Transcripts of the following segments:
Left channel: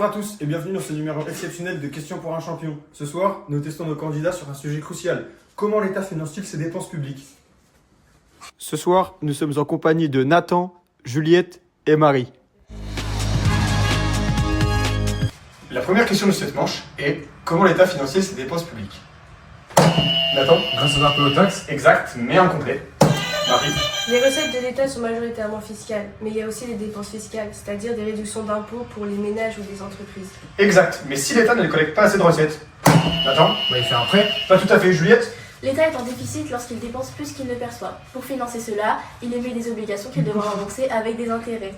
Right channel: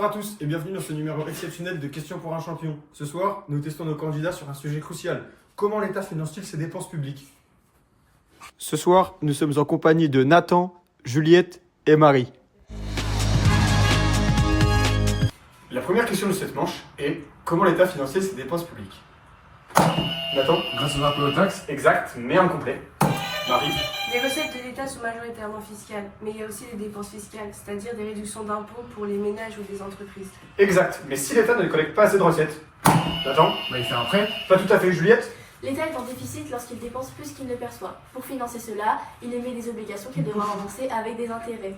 Bonsoir à tous et bienvenue dans ce numéro exceptionnel de Questions pour un champion. Ce soir, nous testons nos candidats sur un sujet crucial. Comment l'État finance-t-il ses dépenses publiques? Ce soir, nous sommes en compagnie de Nathan, Juliette et Marie. La première question de cette manche est comment l'État finance-t-il ses dépenses publiques? Nathan? Grâce aux impôts et aux taxes. Exact, mais incomplet. Marie? Les recettes de l'État sont majoritairement fiscales, mais il y a aussi les dépenses fiscales, c'est-à-dire des réductions d'impôts pour les ménages ou des entreprises. Exact, mais si l'État ne collecte pas assez de recettes? Nathan? Il fait un prêt. Pas tout à fait. Juliette? L'État est en déficit lorsqu'il dépense plus qu'il ne perçoit. Pour financer cela, il émet des obligations qu'il devra rembourser avec des intérêts.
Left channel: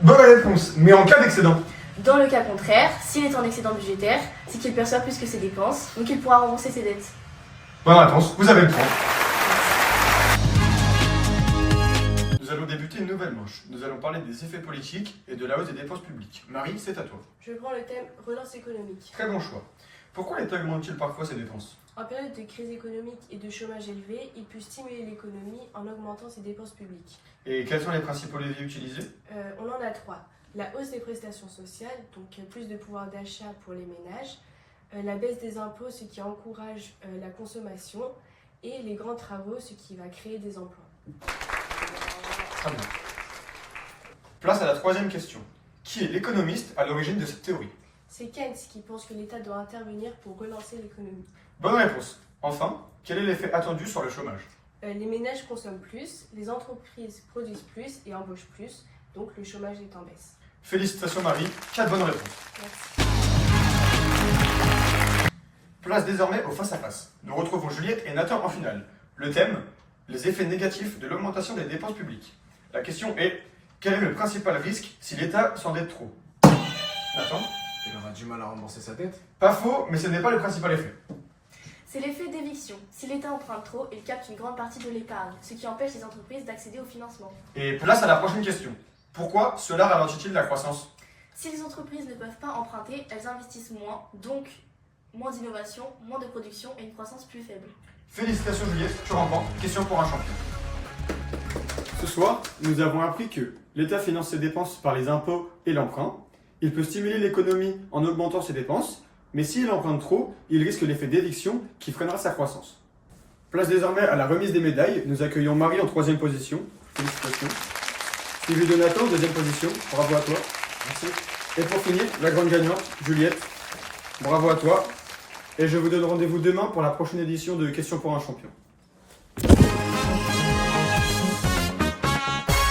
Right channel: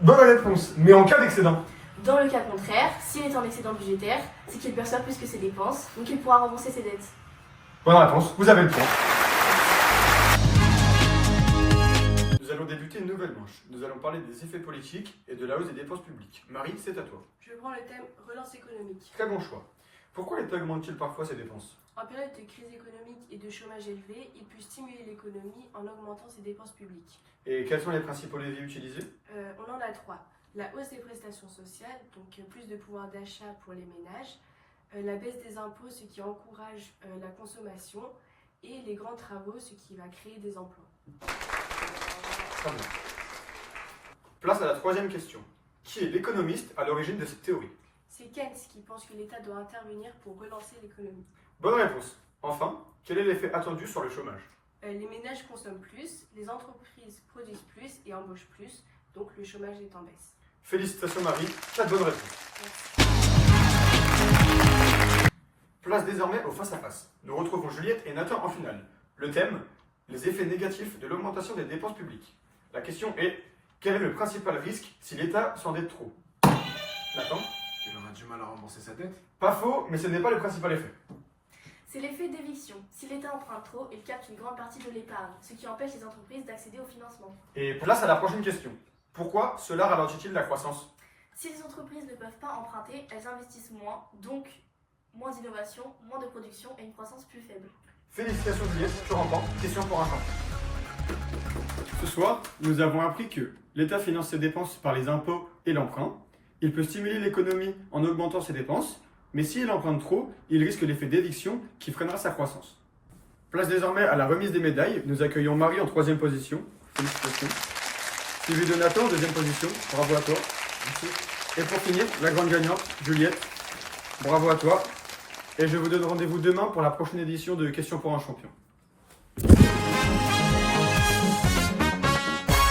Bonne réponse, mais en cas d'excédent? Dans le cas contraire, s'il est en excédent budgétaire, c'est qu'il perçoit plus que ses dépenses, donc il pourra rembourser ses dettes. Bonne réponse, vous avez le point. Nous allons débuter une nouvelle manche. Nous allons parler des effets politiques et de la hausse des dépenses publiques. Marie, c'est à toi. Je prends le thème relance économique. Très bon choix. Pourquoi l'État augmente-t-il parfois ses dépenses? En période de crise économique et de chômage élevé, il peut stimuler l'économie en augmentant ses dépenses publiques. Et quels sont les principaux leviers utilisés? On en a trois. La hausse des prestations sociales, donc plus de pouvoir d'achat pour les ménages, la baisse des impôts, ce qui encourage la consommation, et les grands travaux, ce qui va créer des emplois. Très bien. Place à la troisième question. Qui est l'économiste à l'origine de cette théorie? C'est Keynes qui pense que l'État doit intervenir pour relancer l'économie. Bonne réponse. Enfin, quel est l'effet attendu sur le chômage? Les ménages consomment plus, les entreprises produisent plus et embauchent plus, donc le chômage est en baisse. Félicitations Marie, 4 bonnes réponses. Merci. Place désormais au face-à-face. Nous retrouvons Juliette et Nathan en finale. Le thème, les effets négatifs de l'augmentation des dépenses publiques. La question est, quel est le principal risque si l'État s'endette trop? Nathan? Il aura du mal à rembourser sa dette. Pas faux, mais ce n'est pas le principal effet. C'est l'effet d'éviction. Si l'État emprunte trop, il capte une grande partie de l'épargne, ce qui empêche les entreprises d'accéder au financement. Et place à la prochaine question. Pourquoi cela ralentit-il la croissance? Si les entreprises ne peuvent pas emprunter, elles investissent moins, donc moins d'innovation, moins de production et une croissance plus faible. Félicitations Juliette, tu remportes Question pour un champion. Ce soir, nous avons appris que l'État finance ses dépenses par les impôts et l'emprunt. Il peut stimuler l'économie en augmentant ses dépenses, mais s'il emprunte trop, il risque l'effet d'éviction qui freinera sa croissance. Place désormais à la remise des médailles. Nous accueillons Marie en 3e position. Félicitations. Suivi de Nathan en 2e position. Bravo à toi. Merci. Et pour finir, la grande gagnante, Juliette. Bravo à toi. Et je vous donne rendez-vous demain pour la prochaine édition de Questions pour un champion.